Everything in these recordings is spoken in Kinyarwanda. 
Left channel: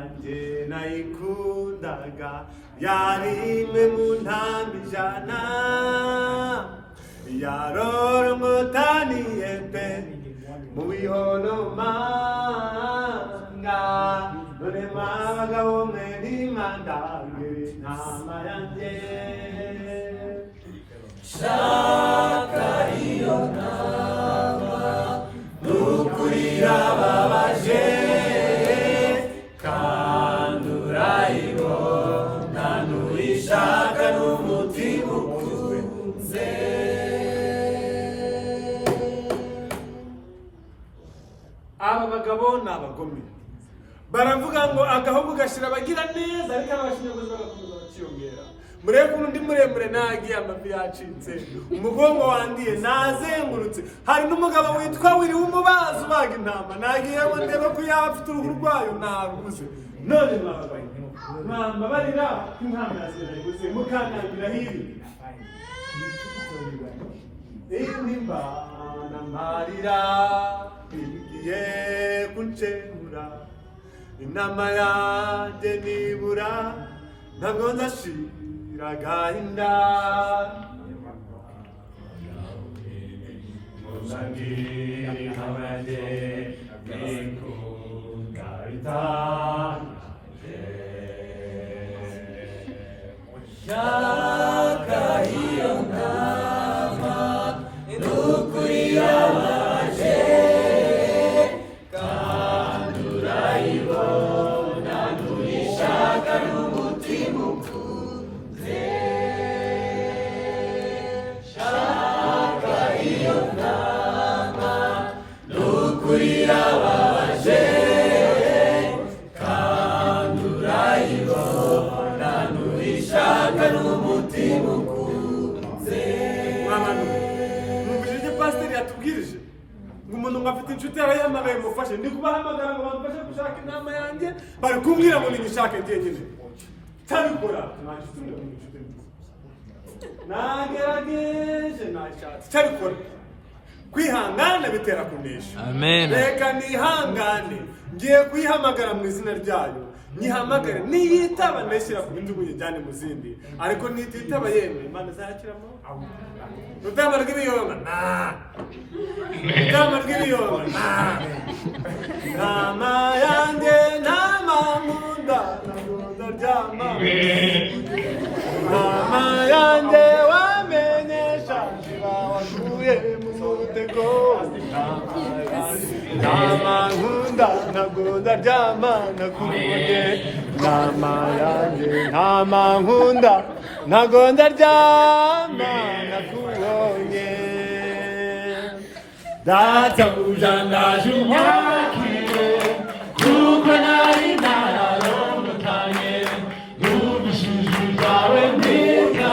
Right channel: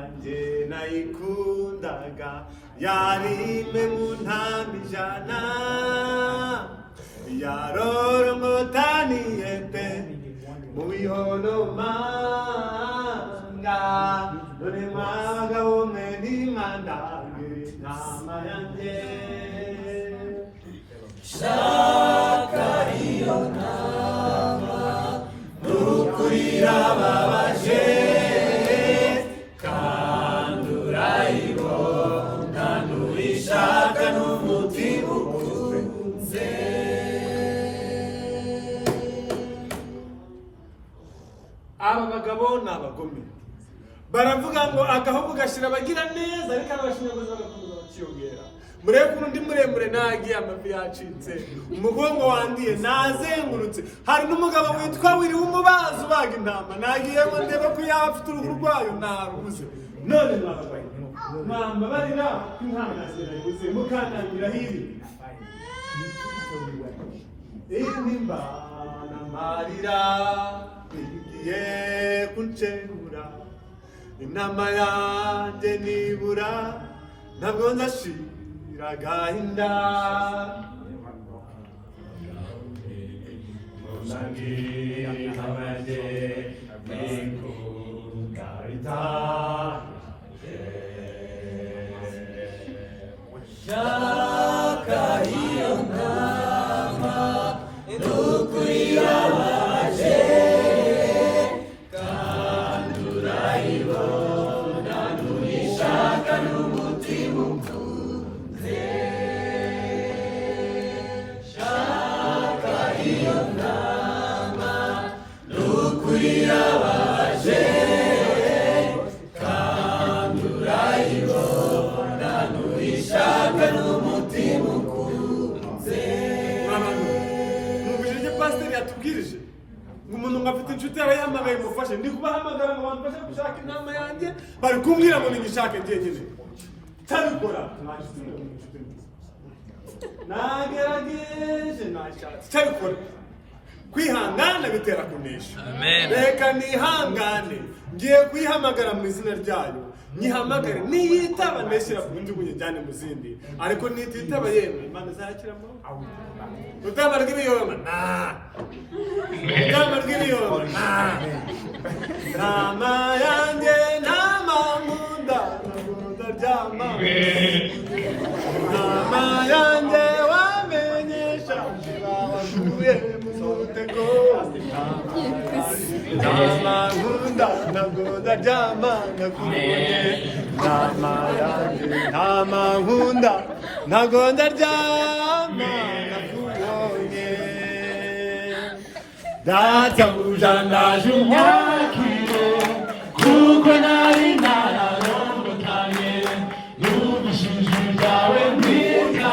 yanjye nayikundaga yarimwe mu ntama ijana yarorongotaniye pe mu bihonomanga none mwabagabo mwe nimwandangire intama yanjye shaka iyo ntama n'ukuri irababaje kandi urayibona n'uyishaka n'umutima ukunze aba bagabo ni abagome baravuga ngo agahugu gashira abagira neza ariko abashinyaguzi bagakomeza bakiyongera murebe ukuntu ndi muremure nagiye amavi yacitse umugongo wandiye nazengurutse hari n'umugabo witwa wiri w'umubazi ubaga intama nagiye ngo ndebe ko yaba afite uruhu rwayo narubuze none mwababaye mwambabarira ko intama yazirayibuze mukanabwira hiri indimbana marira igiye kuncengura intama yanjye nibura ntabwo nzashira agahinda musangiye nikunda shaka iyo ntama n'ukuri irababaje kandi urayibona n'uyishaka n'umutima ukunze shaka iyo ntama n'ukuri irababaje kandi urayibona n'uyishaka n'umutima ukunze pasiteri yatubwirije ngo umuntu ngo afite inshuti yarayamagaye mufashe ndi kubahamagara ngo bamfashe gushaka intama yanjye bari kumbwira ngo ninyishake njyenyine cyabikora nagerageje nashatse cyabikora kwihangana bitera kunesha reka nihangane ngiye kuyihamagara mu izina ryayo nyihamagare niyitaba ndashyira ku bindi njyane mu zindi ariko nititaba yemwe imana izakiramo rutama rw'ibiyonga rutama rw'ibiyonga ntama yanjye ntama nkunda nkunda ryama ntama yanjye wamenyesha uvuye mu mutego ntama nkunda nkunda ryama ndakunze ntama yanjye ntama nkunda nkunda ryama databuja ndaje unyakire kuko nari nararongotanye n'ubushizi bwawe bwiza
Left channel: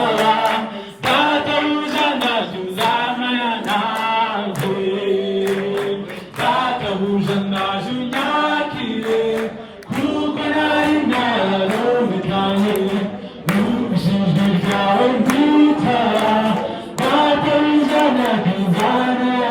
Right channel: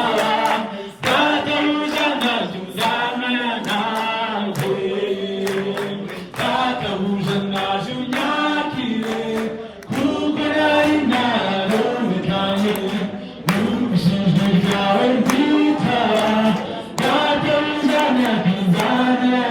databuja ndaje uzamana nawe databuja ndaje unyakire kuko nari nararongotanye n'ubushizi bwawe bwiza databuja ndaje uzamana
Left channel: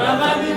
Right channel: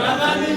Ramenye